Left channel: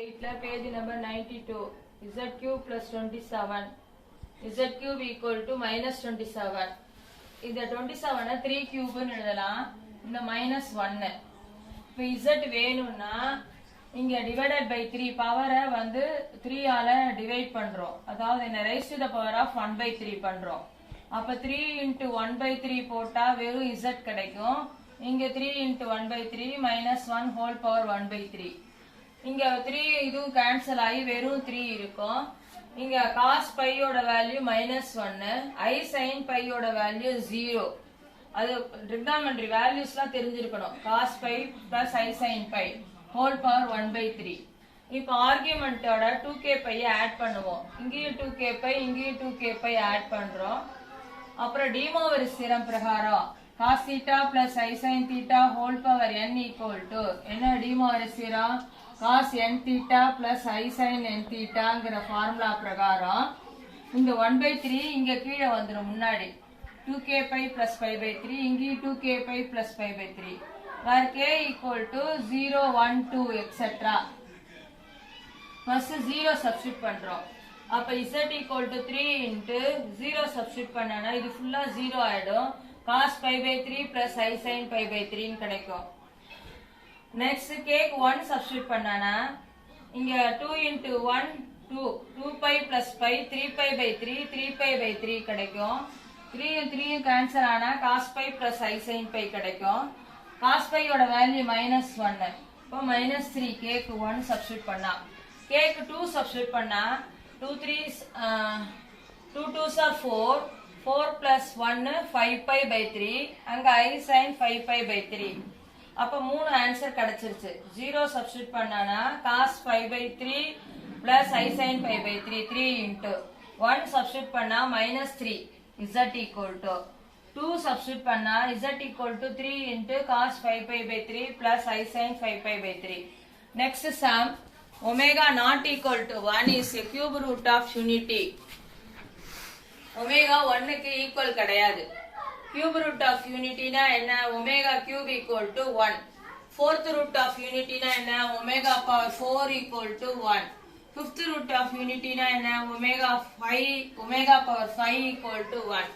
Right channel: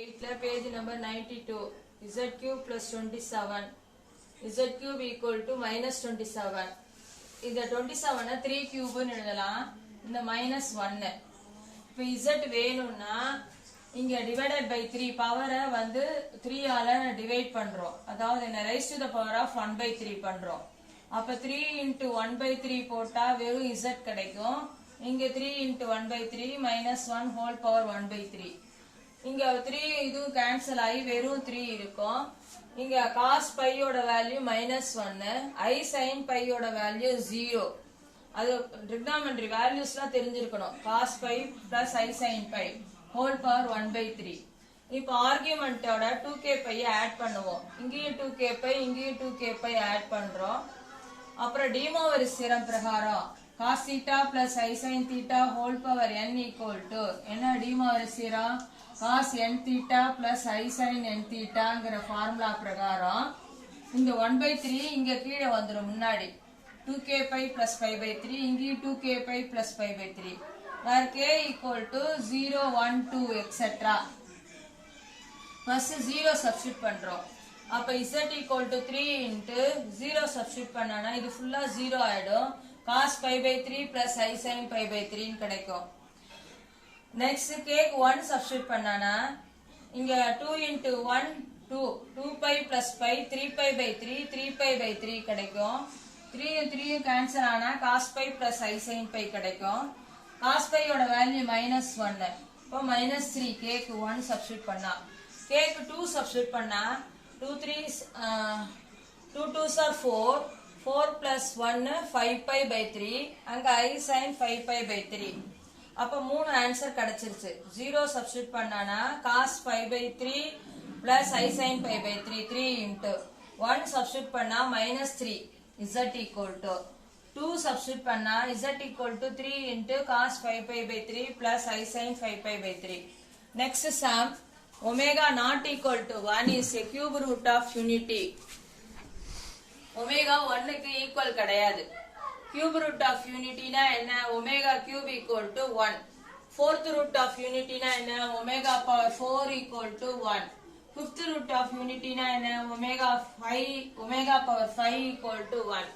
Page number 92. Z cube plus 27. Z cube equal to minus 27. இந்த 27 3 cube எழுதலாம். இந்த minus 1. இப்போ Z வேணும்னா இங்க divided by 3 பவரை வந்து 3 ஆல டிவைட் பண்றோம். அதாவது என்ன raise to the power of 1 by 3 பண்றோம். அப்ப 3 into 1 by 3 போட்டா வெறும் Z கிடைக்கும். இங்க 3 into 1 by 3 minus 1 whole power 1 by 3. இங்க 3 இது கேன்சல் ஆகி வெறும் 3 இருக்கும். இங்க cos pi யோட வேல்யூ -1, I sin pi யோட வேல்யூ 0. அது trigonometry வேல்யூஸ்லாம் தெரிஞ்சிருக்கணும். cos pi plus I sin pi whole power 1 by 3. இப்போ ஆர்குமெண்டோட 2k pi ஆட் பண்ணுவோம். இங்கேயும் 2k pi இங்கேயும் 2k pi ஆட் பண்றோம். அப்புறம் De Moivre's theorem பிரகாரம் cos theta plus I sin theta whole power n equal to என்ன De Moivre's theorem cos n theta plus I sin n theta ங்கற formula பிரகாரம் இந்த 1 by 3 இங்க கீழ வந்துரும் முன்னாடி 2k pi plus pi by 3 இங்கேயும் 2k pi plus pi by 3 where k equal to 0 1 2 etc. first 0 substitute பண்றோம். அப்ப z equal to 3 into 0 substitute பண்ணனா இது ஃபுல்லா 0 ஆயிடும். cos pi by 3 plus I sin pi by 3 ன்னு கிடைக்கும். next k 1 substitute பண்ணனா இங்க 2 into 1 2 pi plus pi 3 pi by 3 3 pi by 3 கிடைக்கும். 3 கேன்சல் ஆனா cos pi plus I sin pi கிடைக்கும். cos pi யோட வேல்யூ -1. இப்போ -3 k க்கு 1 substitute பண்ணா k க்கு 2 substitute பண்ணா 2 3s 2 2s are 4 4 plus 1 5 pi by 3 அங்க I sin 5 pi by 3. அப்ப மூணு ஆன்சர் கிடைச்சிருச்சு. 0 சப்ஸ்டிட்யூட் பண்ணானா cos pi by 3 plus I sin pi by 3 3 into 1 substitute பண்ணா -3 z equal to 2 சப்ஸ்டிட்யூட் பண்ணா z equal to 3 into cos 5 pi by 3 plus I sin 5 pi by 3. next sum omega not equal to 1 is a cube root of unity. omega 1 க்கு equal கிடையாது. cube root of unity na enna omega cube equal to 1. fourth root of unity na enna omega power 4 equal to 1. fifth root of unity na enna omega power 5 equal to 1.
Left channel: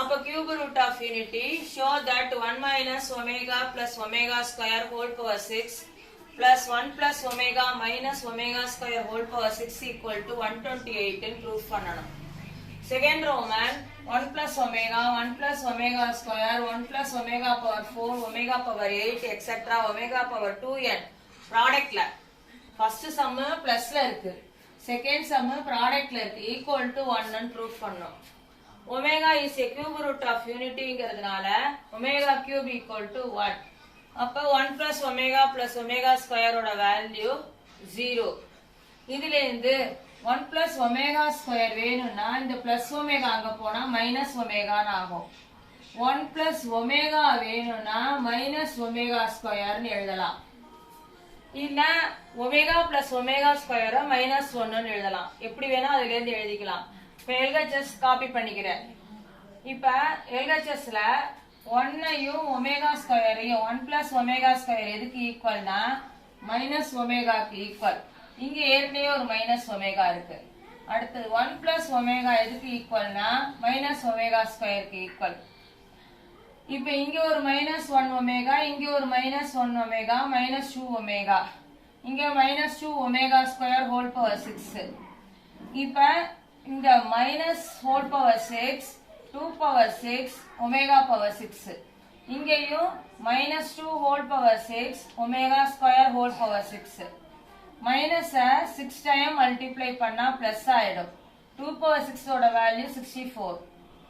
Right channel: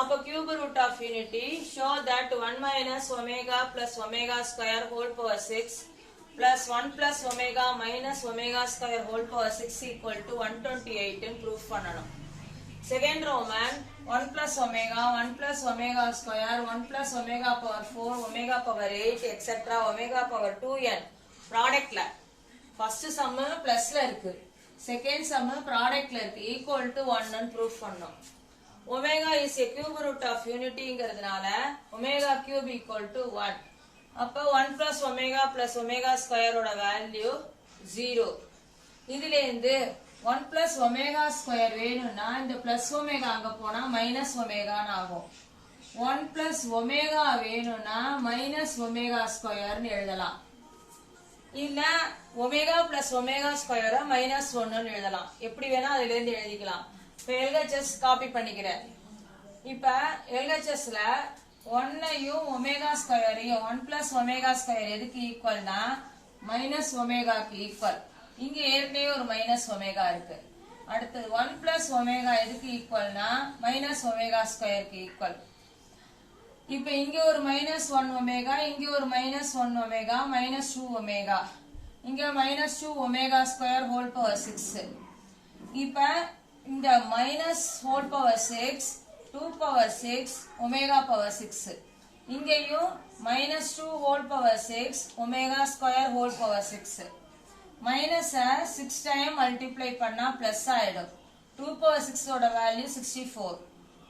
appo cube root of unity show that 1 minus omega plus omega square whole power 6 plus 1 plus omega minus omega square whole power 6 equal to 128 ன்னு proof பண்ணனும். second Roman 1 plus omega 1 plus omega square 1 plus omega power 4 omega power 8 etc. omega power 2n product ல first sum plus ல இருக்கு, second sum product ல இருக்கு, equal to 1 ன்னு proof பண்ணோம். omega is a cube root of unity ங்கிறதுனால omega cube equal to 1. அப்ப 1 plus omega square ஓட value 0. இதுல இருந்து 1 plus omega square வேணும்னா இந்த plus omega அங்க போனா minus omega ஆகும். 1 plus omega வேணும்னா minus omega square ன்னு எழுதலாம். இல்ல omega plus omega square minus 1 ன்னு எழுதலாம். எப்படி வேணா அதுல இருந்து எழுதிக்கலாம். இப்ப LHS காப்பி பண்ணிக்கிறேன். இப்ப LHS ல 1 யும் omega square யும் 1 plus omega square எதுக்கு ஈக்குவல்னா minus omega க்கு ஈக்குவல். இங்க ஏற்கனவே ஒரு மைனஸ் ஒமேகா இருக்கு. அடுத்தது 1 பிளஸ் ஒமேகா எதுக்கு ஈக்குவல்னா மைனஸ் ஒமேகா ஸ்கொயருக்கு ஈக்குவல். இப்ப இங்க ஒரு -1 ஒமேகா இங்க ஒரு -1 ஒமேகா -2 ஒமேகா இங்க -2 ஒமேகா ஸ்கொயர் ஹோல் பவர் 6. இப்ப இந்த minus whole power 6 2 power 6 omega power 6 இங்கேயும் -2 whole power 6 omega square whole power 6 minus 6 time multiply பண்ணா plus ஆயிடும். 2 power 6 ஓட வேல்யூ 64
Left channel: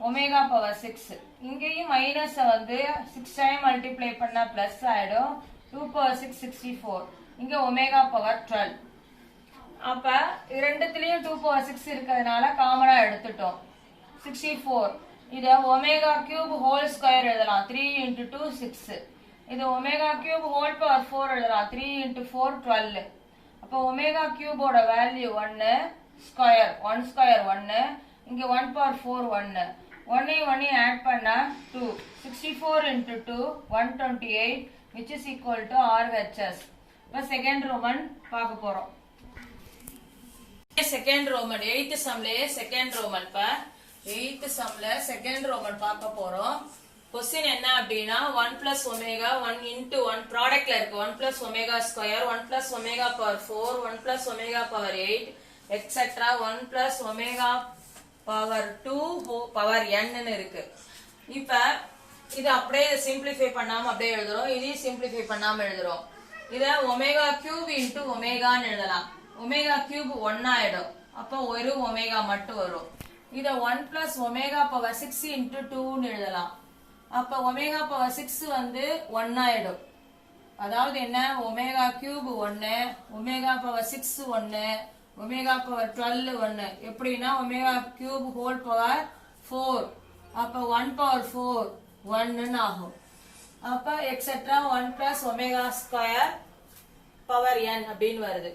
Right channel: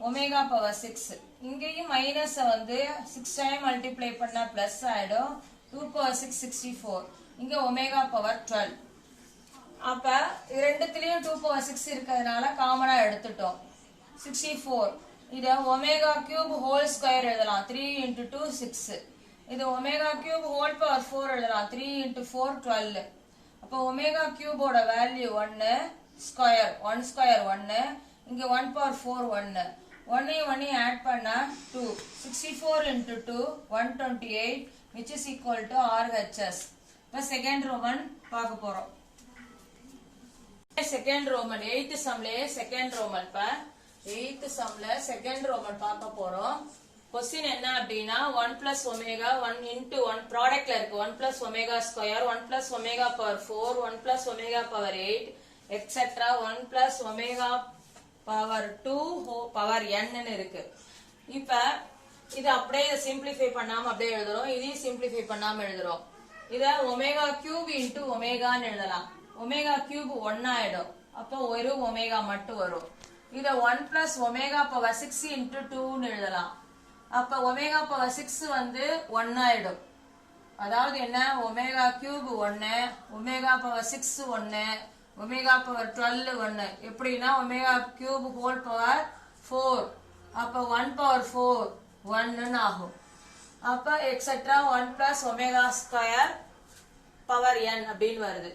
omega power 6. இங்கேயும் minus வந்து 6 time multiply பண்ணா plus ஆயிடும். 2 power 6 64. இங்க omega power 12. அப்ப இரண்டுத்துலயும் 2 power 6 இருக்கிறதுனால காமனா எடுத்துட்டோம். 64 இது omega cube whole square எழுதலாம். 3 into 2 6. இது omega cube whole power 4 எழுதலாம். 3 into 4 12. அப்ப omega cube ஓட வேல்யூ 1 ஸ்கொயர் 1 ஸ்கொயர் 1 இங்க 1 பவர் 4 1 1 ஆட் பண்ணா 2 64 into 2 128 which is equal to RHS. இப்ப செகண்ட் ரோமன் பார்க்க போறோம். செகண்ட் ரோமன் 8th சம்லயே செகண்ட் ரோமன் பா 8th சம்ல செகண்ட் ரோமன் பார்க்க போறோம். क्वेश्चन என்ன அப்படினா 1 plus omega 1 into 1 ப்ராடக்ட்ல இருக்கு 1 plus omega square 1 plus omega power 4 1 plus omega power 8 etc 1 plus omega power 2 power n ன்னு இருக்கு. இப்ப இது அப்படியே சிம்பிளிஃபை பண்ணாம அப்படியே எழுதுறோம். இதையும் சிம்பிளிஃபை பண்ணாம எழுதுறோம். இத ஒமேகா கியூப் இன்டு ஒமேகான்னு எழுதலாம். ஒமேகா கியூப் 1 ஆயிடும். அப்ப ஒரு ஒமேகா மட்டும் வரும். இத 1 plus omega power 6 into 2 ன்னு எழுதலாம். அப்ப ஒமேகா பவர் 6 வந்து 1 ஆயிடும். அதாவது என்ன omega cube 1 omega power 6 1 omega power 12 1 எப்படின்னா ஒமேகா கியூப் ஹோல் பவர் 4 அப்ப 1 பவர் 4 1 ன்னு ஆகும். அப்ப etcetera 1 plus omega square power n அப்படின்னு வருது.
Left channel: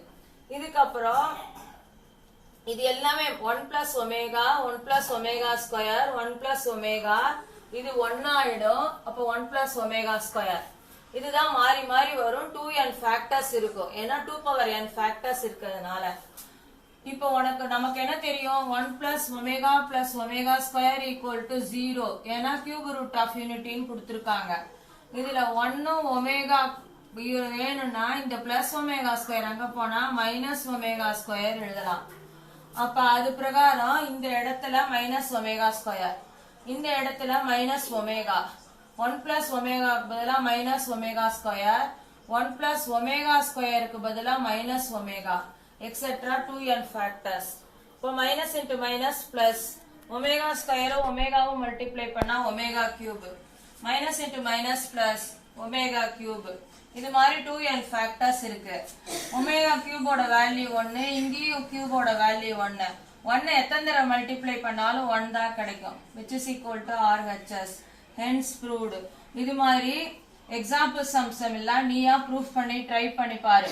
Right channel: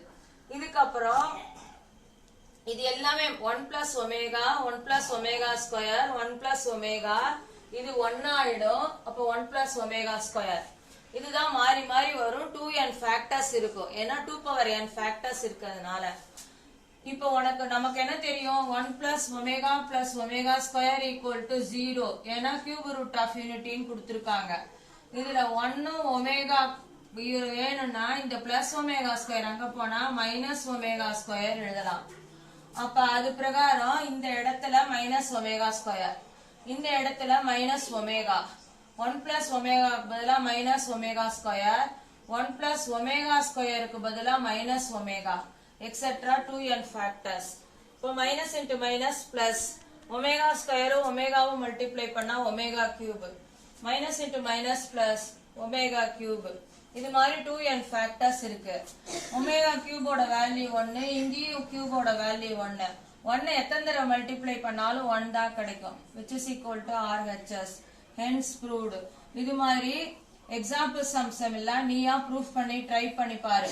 இதுக்கப்புறம் இது எல்லாமே 1 plus omega 1 plus omega square 1 plus omega இது 1 ஆயிடும். அப்ப 1 plus ஒமேகா ஸ்கொயர் இதுதான் மாறி மாறி வரும். 2n ஃபேக்டர்ஸ் இருக்கும். ஏன்னா 2 power n ஃபேக்டர்ஸ் இருக்கிறதுனால. இப்போ நமக்கு என்ன தெரியும் 1 plus omega plus omega square equal to 0 ஏன்னா கியூப் ரூட் ஆஃப் யூனிட்டின்னு கொடுத்திருக்காங்க. இதுல 1 ஒமேகா வேணும்னா இந்த பிளஸ் ஒமேகா ஸ்கொயர் அங்க போனா மைனஸ் ஒமேகா ஸ்கொயர் எழுதலாம். அப்ப அது பிரகாரம் இந்த இடத்துல மைனஸ் ஒமேகா ஸ்கொயர் இந்த இடத்துல மைனஸ் ஒமேகா 1 plus ஒமேகாக்கு பதிலா minus omega square 1 plus omega ஸ்கொயருக்கு பதிலா minus omega etcetera 2n factors. இப்போ minus into minus plus omega ஸ்கொயரும் ஒமேகாவும் மல்டிப்ளை பண்ணா omega cube minus into minus plus omega cube இது மாதிரி 2n ஃபேக்டர்ஸ் இருக்கு. ஒமேகா கியூபோட வேல்யூ 1 இங்கேயும் கியூபோட வேல்யூ 1 1 எத்தனை தடவை மல்டிப்ளை பண்ணாலும் 1 தான் கிடைக்கும் which is equal to RHS hence proved. இது மாதிரி எக்ஸாம்பிள் சம்ஸ் எல்லாம் நீயா ப்ரூஃப் பண்ணி ட்ரை பண்ணி பாரு.